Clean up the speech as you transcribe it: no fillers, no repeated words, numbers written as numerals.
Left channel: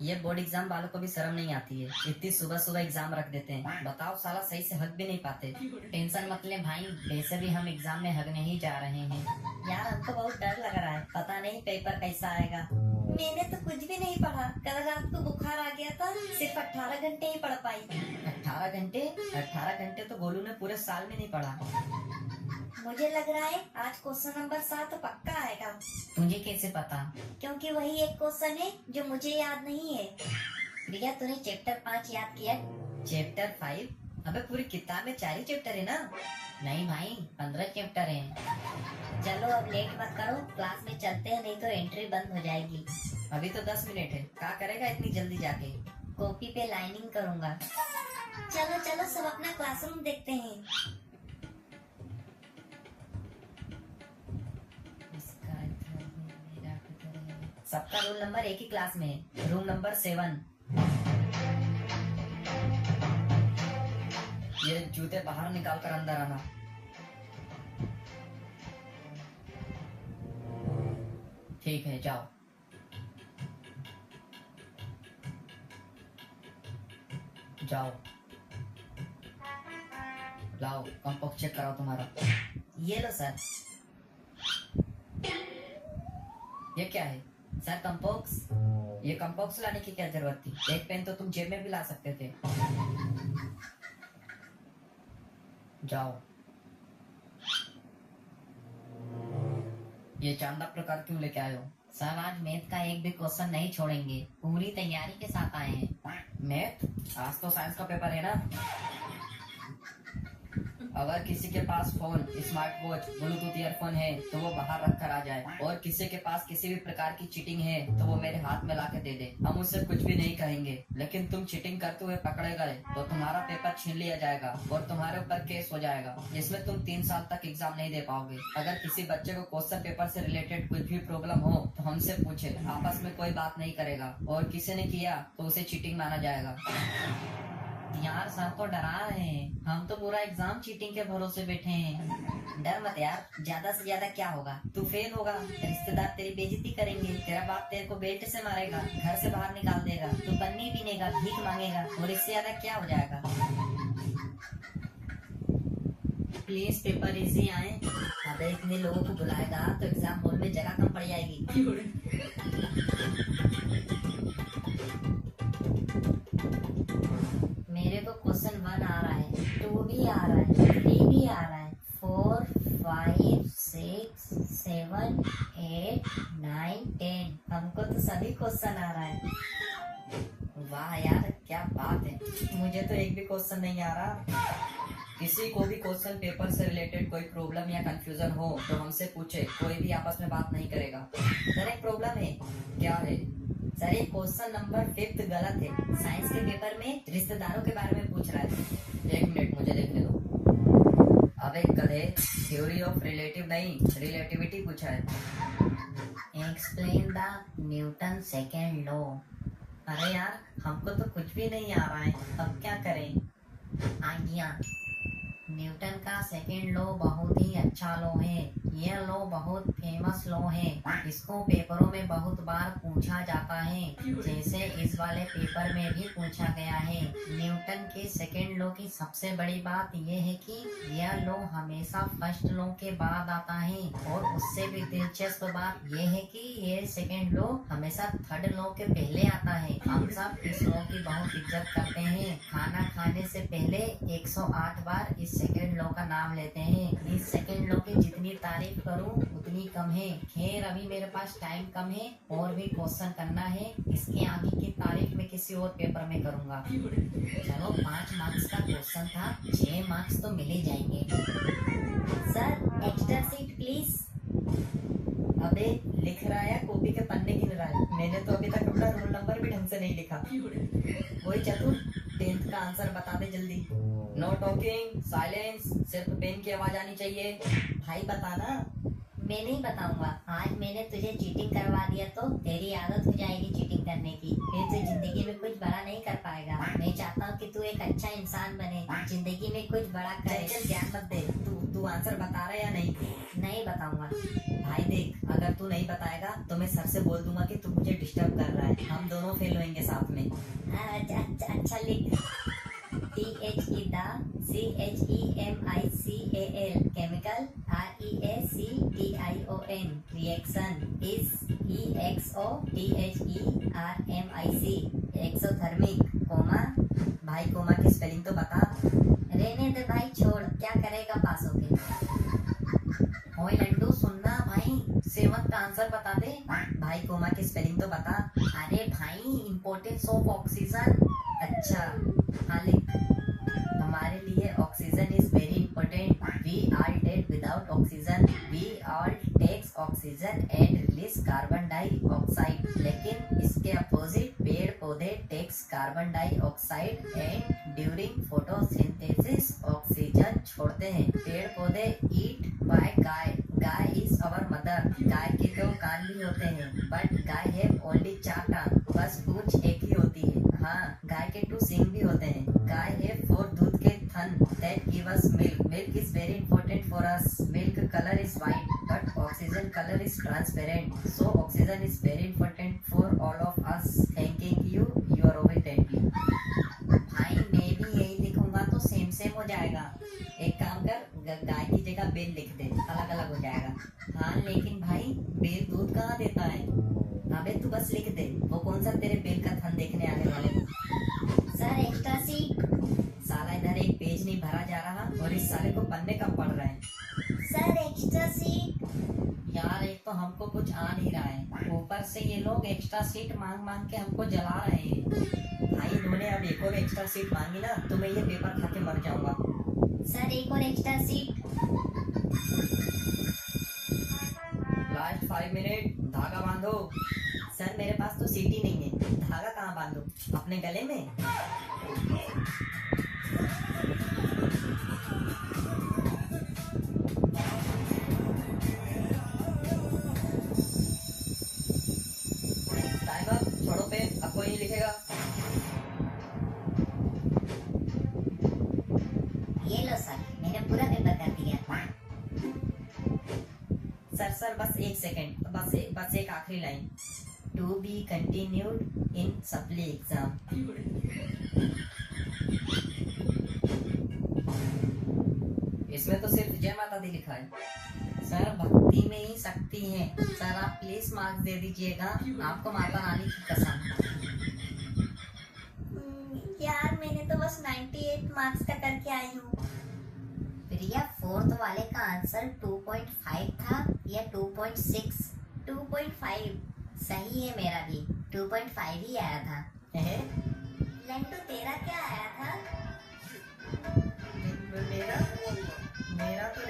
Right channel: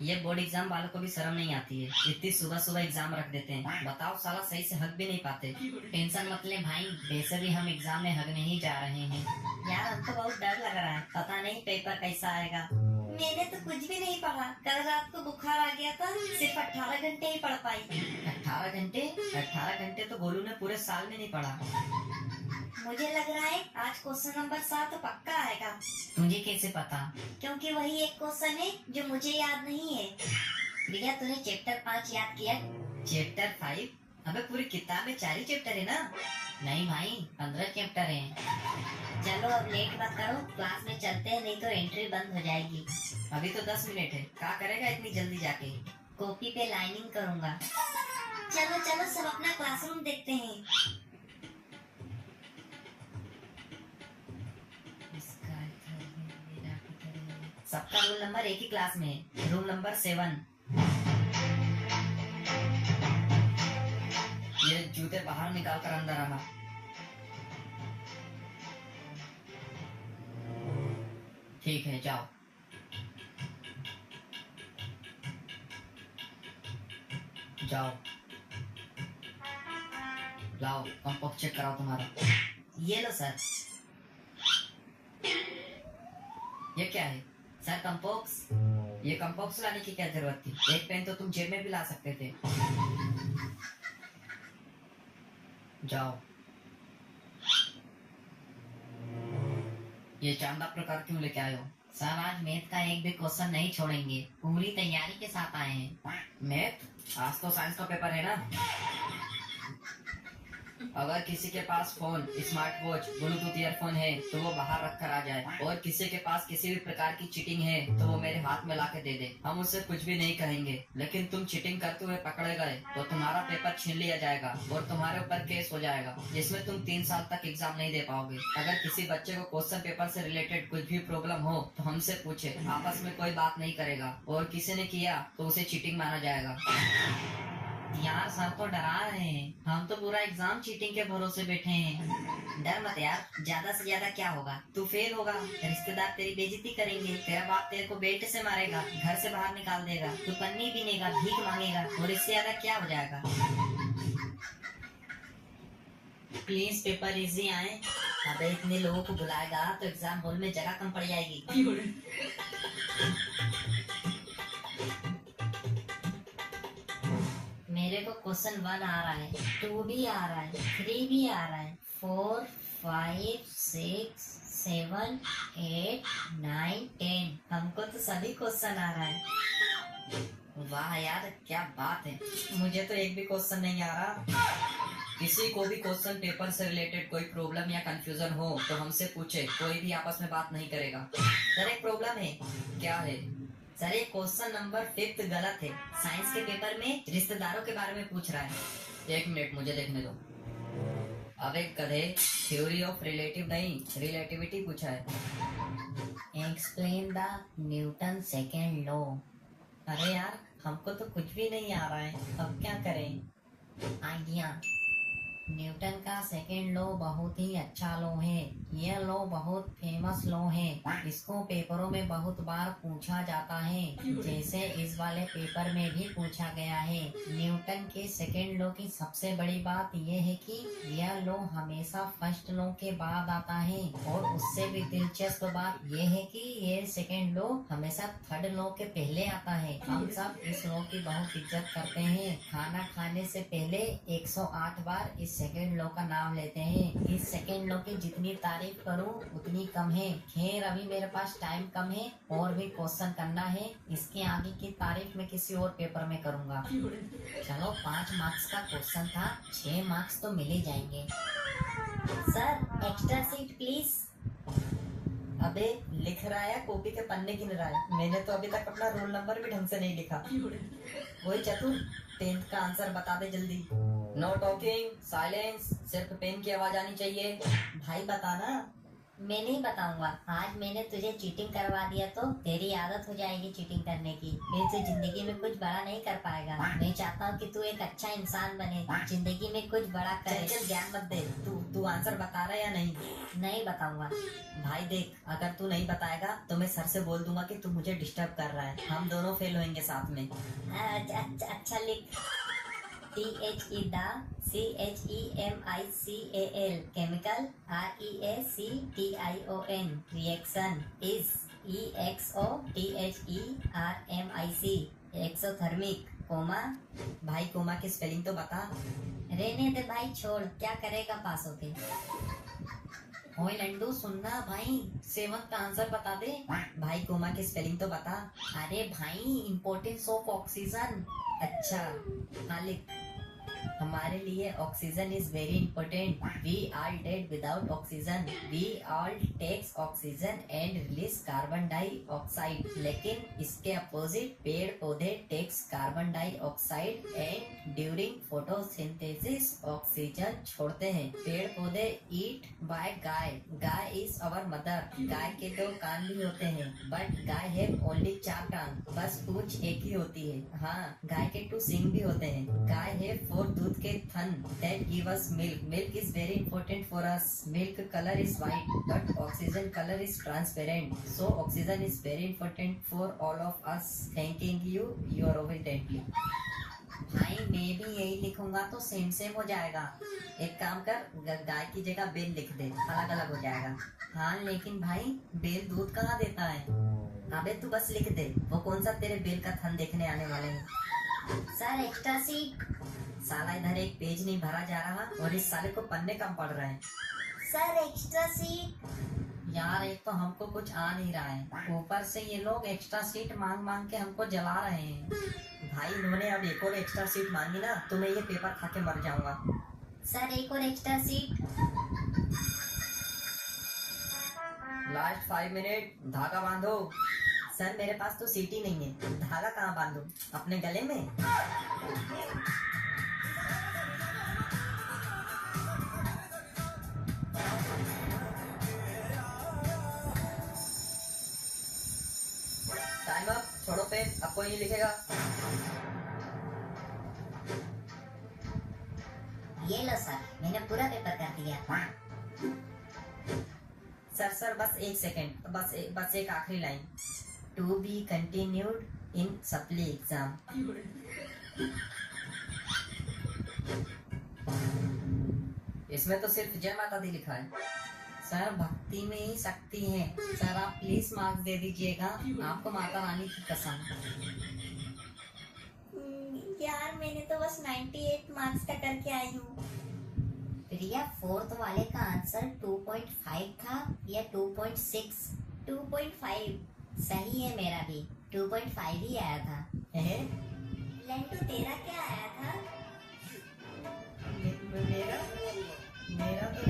ये board exam वालों को भी शर्म नहीं आती है, इतनी सुबह सुबह एग्जाम रख देते हैं। बताओ साला सही से हक भी नहीं पाते। टेंशन मत ले भाई, वैसे भी हम एग्जाम में हक नहीं जा रहे हैं। यार हमको बहुत डर लग रहा है, पता नहीं पेपर कैसा आएगा। मैंने तो कुछ भी नहीं पढ़ा, कल रात को बुखार आ गया था, सिर्फ 18 घंटे ही पढ़ पाई। 18 घंटे तो गोलू ने पूरे साल में नहीं पढ़ा। मुझे लग रहा है आज क्वेश्चन नंबर 7 पक्का आएगा। तुझे कैसे पता? क्योंकि वही एक क्वेश्चन है जो मुझे याद नहीं है। प्रिया तूने चैप्टर 5 याद किया? चैप्टर 5? अबे पूरी किताब में 4 ही चैप्टर है ना? नहीं भाई 15 चैप्टर हैं। चलो अब लेट मत करो, क्लास में चलते हैं, नहीं तो एंट्री बंद हो जाएगी। अभी तो 10 मिनट है, क्या करेगा इतनी जल्दी जाके? कॉपी पे लाइनिंग करूंगा। चलो चलो सब अपना क्लासरूम देखते हैं। सबका रोल नंबर एक ही क्लास में है, रूम नंबर 7। ये जूते बाहर निकाल कर अंदर आना। ठीक है जाओ। जाओ लाओ कंपोक्स चेक कराओ तुम्हारा। ये लो सर। ये क्या है सर? कंपोक्स। ये कंपोक्स लाने की क्या जरूरत थी? एक पेन तो तुम जेब में भी ला सकते थे। जाओ। ये चांदा प्रकार क्यों लेके आए हो? सर आज मैथ का एक भी क्वेश्चन नहीं छोड़ेंगे, पूरी तैयारी के साथ आए हैं। मैथ? आज तो साइंस का पेपर है ना। अगर किसी के पास phone, smart watch, Bluetooth earphone है तो वो बाहर रख कर आ जाए, और किसी के पास किसी भी प्रकार की चीटिंग है तो वो मेरे हाथ में ला के दे दे। हम उससे कुछ भी नहीं कहेंगे, लेकिन तुम चीटिंग करते हुए पकड़े गए तो तुम्हारा पेपर छीन लिया जाएगा और तुम्हारे ऊपर केस हो जाएगा, जिसमें तुम 3 साल तक एग्जाम नहीं दे पाओगे। अगर किसी बच्चे को क्वेश्चन पेपर से रिलेटेड कुछ भी प्रॉब्लम हो तो हमसे पूछे, आपस में कोई बात नहीं करेगा, और किसी ने किया तो उसे चीटिंग माना जाएगा। यार सर तो डरा रहे हैं, हम तो पूरा एग्जाम चीटिंग के भरोसे बैठे हैं। डर मत यार, ज्यादा से ज्यादा क्या होगा, तू फेल होगा, रिश्तेदार तेरी बेइज्जती करेंगे, तेरा बाप तेरे को बेल्ट से मारेगा, घर से बाहर निकाल देगा, तू पन्नी पीनेगा, भीख मांगेगा, और इससे ज्यादा क्या हो जाएगा। प्लीज पेपर इजी आए। अबे इतने लोगों को बुलाएगा तो एग्जाम हॉल में जगह कम पड़ जाएगी। मेरे को क्वेश्चन 1 आ रहा है, 2 भी आ रहा है, 3 भी आ रहा है, 4, 5, 6, 7, 8, 9, 10। हमको तो सभी क्वेश्चन आ रहा है। वाह यार क्या बात है, मुझे तो एक भी क्वेश्चन नहीं आ रहा। किसी को भी क्वेश्चन पेपर से रिलेटेड कोई प्रॉब्लम या कंफ्यूजन हो तो हमसे पूछे, कोई भी आपस में बात नहीं करेगा। सर एक प्रॉब्लम है। क्या है? सर ये क्वेश्चन नंबर 5 गलत है, साइंस के पेपर में रिश्तेदारों के बारे में पूछ रहा है। 1 मिनट मुझे देखने दो। अबे गधे, थ्योरी ऑफ रिलेटिव नहीं, रिलेटिविटी पूछा है। Explain the Newton second law. अरे यार हमको तो कुछ भी नहीं आ रहा है, अब क्या करें? आइडिया। न्यूटन का सेकेंड लॉ बहुत ही अच्छा लॉ है, यह लॉ बहुत फेमस लॉ है, इसको पेपरों में बहुत बार पूछा जाता है, जैसे इस वाले पेपर में भी पूछा गया है। न्यूटन के सेकेंड लॉ की सबसे बड़ी बात यह है कि यह लॉ हमेशा फर्स्ट लॉ के बाद आता है, और उससे भी दिलचस्प बात यह है कि यह सेकेंड लॉ हमेशा थर्ड लॉ के पहले आता है। हम सब इस लॉ की बहुत इज्जत करते हैं, खाना खाने से पहले 108 बार इस सेकेंड लॉ का नाम लेते हैं। इस सेकेंड लॉ की जितनी तारीफ करूं उतनी कम है। खैर अभी मेरे पास टाइम कम है, और भी क्वेश्चन करना है, इसके आगे की तारीफ मैं किसी और पेपर में करूंगा। चलो 5 मार्क्स का क्वेश्चन था, 6 मार्क्स तो मिल ही जाएंगे। Sir extra seat please. अबे लिख रहा है, कॉपी के पन्ने गिन रहा है, मैंने तो अभी तक अपना रोल नंबर भी ढंग से नहीं लिखा। वही चतुर, 10th का आंसर बता दे जल्दी। नो टॉकिंग, साइलेंस, सिर्फ पेन की आवाज आनी चाहिए। भाई बता ना। मैं नहीं बताऊंगा। आज मैंने तुझे चीटिंग करवा दिया तो तेरी आदत हो जाएगी चीटिंग करने की, फिर तू जिंदगी में कुछ बड़ा नहीं कर पाएगा। मैं चाहता हूँ कि तू एक अच्छा इंसान बने, जिंदगी में कुछ बड़ा करे। चल ज्ञान मत दे, तू आंसर बता रहा है या नहीं? नहीं बताऊंगा। भाई देख, अगर तू नहीं बताएगा तो मैं सर से बोल दूंगा कि तू मुझे डिस्टर्ब कर रहा है, हम दोनों फेल होंगे साथ में। अच्छा लिख। THE CHEMICAL chemical, REACTION reaction is EXOTHERMIC exothermic, comma. भाई कोमा की स्पेलिंग तो बता। रहने दे भाई, छोड़, क्या करेगा पास होके। ओए लड्डू सुनना भाई, सेवंथ का आंसर बता दे। भाई कोमा की स्पेलिंग तो बता। अरे भाई, इम्पोर्टेंस ऑफ ऑक्सीजन। अच्छा हाँ लिख। हमारे लिए oxygen is very important. We are dead without oxygen. We all takes oxygen and release carbon dioxide. लेकिन इसके अपोजिट पेड़ पौधे takes carbon dioxide and during photosynthesis oxygen छोड़ते हैं। पेड़ पौधे ईट बाय गाय। गाय इज अवर मदर। गाय के 2 कान भी होते हैं, बट गाय हैव ओनली 4 टांग, बस पूंछ एक ही होती है। हाँ, गाय के 2 सिंग भी होते हैं। गाय हैव 4 दूध के थन that give us milk. Milk is very important for us. Milk color is white, but oxygen color is transparent. So oxygen is very important for all of us. Thanking you. You are obediently. भाई मैं भी यही लिखूंगा तो same same हो जाएगा। एक काम कर, गाय की जगह बेल लिख दे, अलग अलग हो जाएगा। हाँ लेकिन भाई, बेल दूध कहाँ देता है? अबे तू बस लिख दे, वो कौन सा तेरे बेल का थन देखने आने वाले। Sir extra seat. साला इधर एक पेज नहीं भरा जा रहा और इस साले को पन्ने कम पड़ रहे हैं। Sir extra seat. यार एक तो हमको कुछ आ नहीं रहा है, ऊपर से ये लोग एक्स्ट्रा सीट मांग मांग के हमको जला रहे हैं। भाई इन्होंने अब एक और एक्स्ट्रा सीट मांगी ना तो मैं ये पेपर खा के मर जाऊंगा। सर एक और एक्स्ट्रा सीट। लास्ट 5 मिनट, धागा बांधो। सर मेरे पास तो सीट ही नहीं है, धागा कहाँ बांधो? अपने गले में? टाइम अप, छोड़ो पे, अब कोई नहीं लिखेगा। ये लो सर, मैंने पूरा पेपर कर दिया। सर बस 1 सेकेंड, बस एक आखिरी line. To be continued in supply exam. इसमें तो सिर्फ जय माता दी लिखा है। सर भक्ति में ही शक्ति है। सर आप प्लीज मार्क्स दे दीजिएगा, आपको माता रानी की कसम। यार मैंने तो बस 98 मार्क्स का करके आई हूँ। प्रिया, 4th वाले का आंसर 2.5 था या 2.6? 2.5 सही है, मेरा भी 2.5 ही आया था। लंटू तेरा क्या आया था? मेरा तो